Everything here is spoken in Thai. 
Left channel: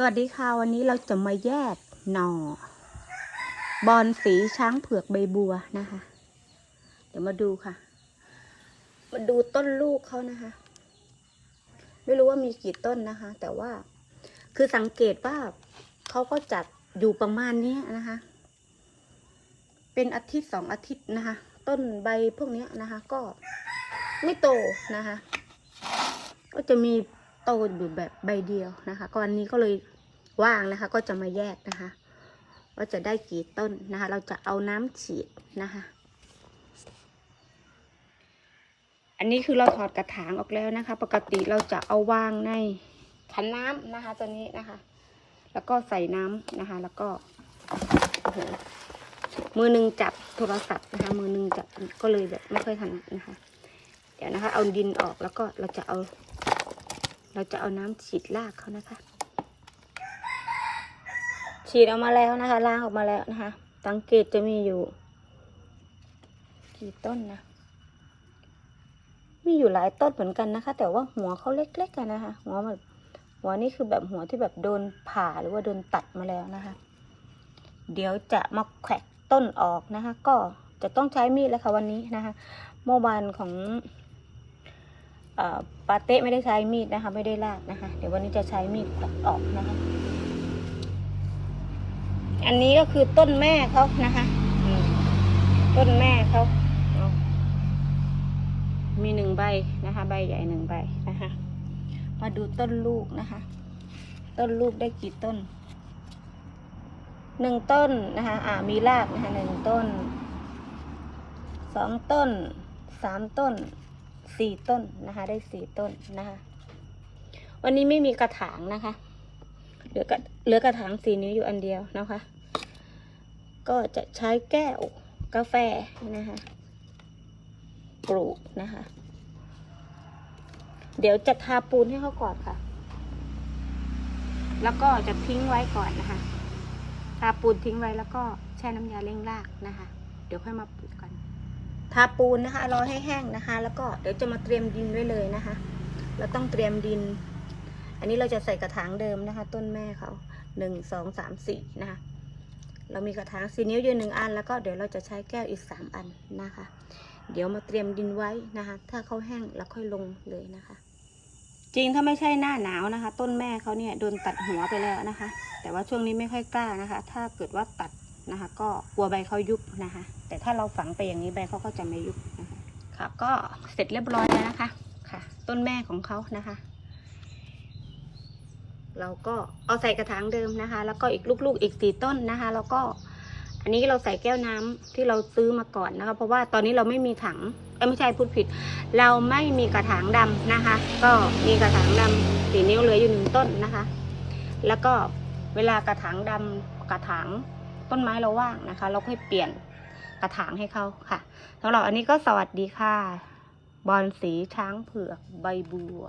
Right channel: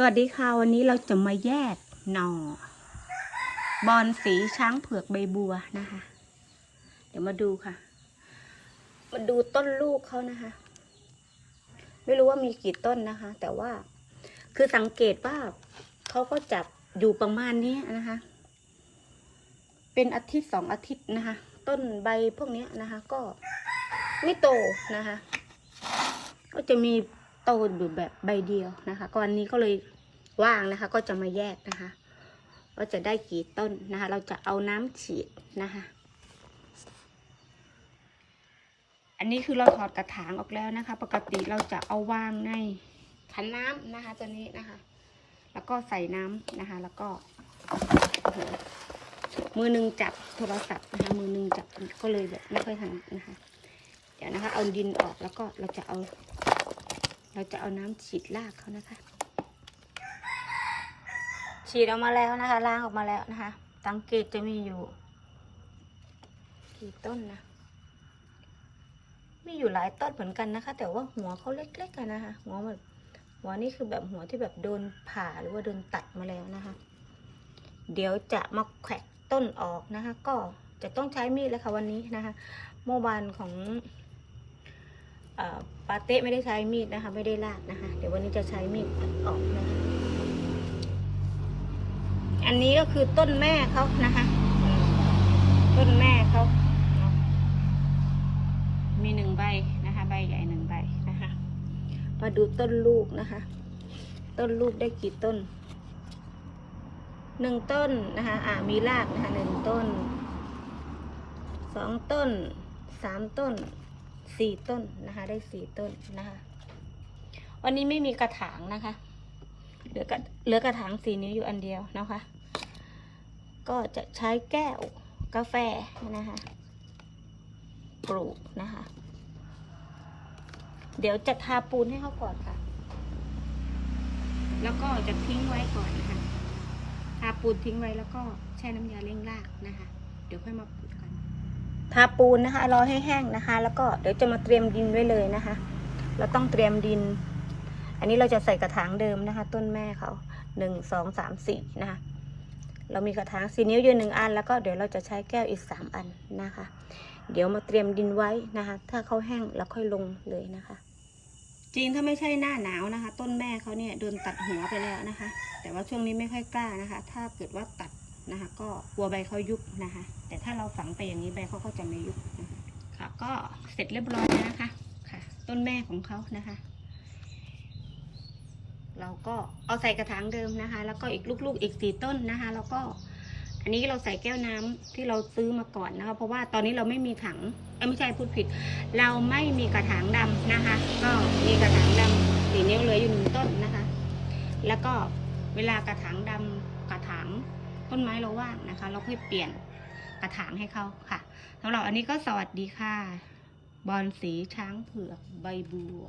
สวัสดีค่ะ วันนี้เราจะมาแยกหน่อ บอนสีช้างเผือกใบบัวนะคะ เดี๋ยวมาดูค่ะ มาดูต้นลูกเขานะคะ ไม่รู้ว่ามีกี่ต้นนะคะ แต่ว่าคือสังเกตว่าเขาก็จับอยู่ประมาณนี้นะคะ เป็นอาทิตย์สองอาทิตย์นะคะ ต้นใบพวกนี้นะคะ ก็ไม่โตนะคะ ก็จะมี โตอยู่แบบใบเดียวนะคะก็วันนี้ก็เลยว่างนะคะ ก็จะมาแยกนะคะว่าจะได้กี่ต้นนะคะ เราจะเอาน้ำฉีดนะคะ อันนี้คือเราถอดกระถางออกแล้วนะคะ ปกติเราจะเอาวางในขันน้ำนะคะ ตัวนี้นะคะ แล้วก็ใส่น้ำนะคะ แล้วก็โอ้โหมือหนึ่งจับโทรศัพท์นะคะ มือหนึ่งจับก็เลยแบบไม่ค่อยถนัดนะคะ เดี๋ยวนะคะ เอาดินออกแล้วก็เราจะเอา เราจะเอาน้ำฉีดรากเขานะคะ ฉีดออกมาแล้วนะคะล้างออกมาแล้วนะคะสังเกตจะมีอยู่กี่ต้นนะมีอยู่หลายต้นเหมือนกันนะคะ แต่ว่าหัวเขาเล็กๆกันนะคะ หัวแบบหัวนี่คือแบบหัวที่แบบโดนผ่าหรือว่าโดนตัดมาแล้วนะคะ เดี๋ยวจะมาแขวกต้นออกนะคะ ก็จะต้องใช้มีดแล้วค่ะวันนี้นะคะเมื่อวานของ ปาเต้ไม่ได้ใช้มีดนะคะ ไม่ได้ลากนะคะ เดี๋ยววันนี้จะใช้มีดตัดออกนะคะ อันนี้ก็คือต้นแม่เขานะคะต้นแม่เขามีหนึ่งใบนะคะ ใบใหญ่หนึ่งใบนะคะ มาดูต้นลูกนะคะ ต้นลูกได้กี่ต้นหนึ่งต้นนะคะ อ่า มีรากนะคะหนึ่งต้น สองต้น สามต้น สี่ต้นนะคะ ได้สี่ต้นนะคะ วันนี้ไม่มีกระถางนะคะ เหลือกระเหลือกระถางสีนิ้วอยู่อันเดียวนะคะ ก็จะใช้แก้วกาแฟนะคะ ปลูกนะคะ เดี๋ยวจะทาปูนให้เขาก่อนค่ะ แล้วก็จะทิ้งไว้ก่อนนะคะ ทาปูนทิ้งไว้แล้วก็แช่น้ำยาเร่งรากนะคะ เดี๋ยวค่อยมาปลูก ทาปูนนะคะรอให้แห้งนะคะ แล้วก็เดี๋ยวจะมาเตรียมดินไว้เลยนะคะ เราต้องเตรียมดิน อันนี้เราจะใส่กระถางเดิมนะคะ ต้นแม่เขาหนึ่งสองสามสี่นะคะ เรามีกระถางสีนิ้วอยู่หนึ่งอัน แล้วก็เดี๋ยวเราจะใช้แก้วอีกสามอันนะคะ เดี๋ยวมาเตรียมดินไว้นะคะ ถ้าเขาแห้งแล้วค่อยลงเลยนะคะ จริงถ้าไม่ใช่หน้าหนาวนะคะ ต้นแม่เขาเนี่ยโดนตัดหัวไปแล้วนะคะ แต่ว่าช่วงนี้ไม่ค่อยกล้านะคะ ถ้าเกิดว่าตัด นะคะ ก็กลัวใบเขายุบนะคะ แต่ถ้าเราฝังไปอย่างนี้ใบเขาก็จะไม่ยุบนะคะ ค่ะ ก็เสร็จเรียบร้อยแล้วนะคะ ค่ะ ต้นแม่ของเขานะคะ เราก็เอาใส่กระถางเดิมนะคะ แล้วก็อีกลูกๆอีกสี่ต้นนะคะ แล้วก็อันนี้เราใส่แก้วน้ำที่เราซื้อมาก่อนนะคะ เพราะว่าตอนนี้เราไม่มีถังเอ้ยไม่ใช่พูดผิด เราไม่มีกระถางดำนะคะ ก็มีกระถางดำสีนิ้วเหลืออยู่หนึ่งต้นนะคะ แล้วก็เวลากระถางดำกระถาง ต้นไม้เราว่างนะคะ เราค่อยเปลี่ยนกระถางให้เขาค่ะสำหรับอันนี้ก็สวัสดีค่ะ บอลสีช้างเผือกใบบัว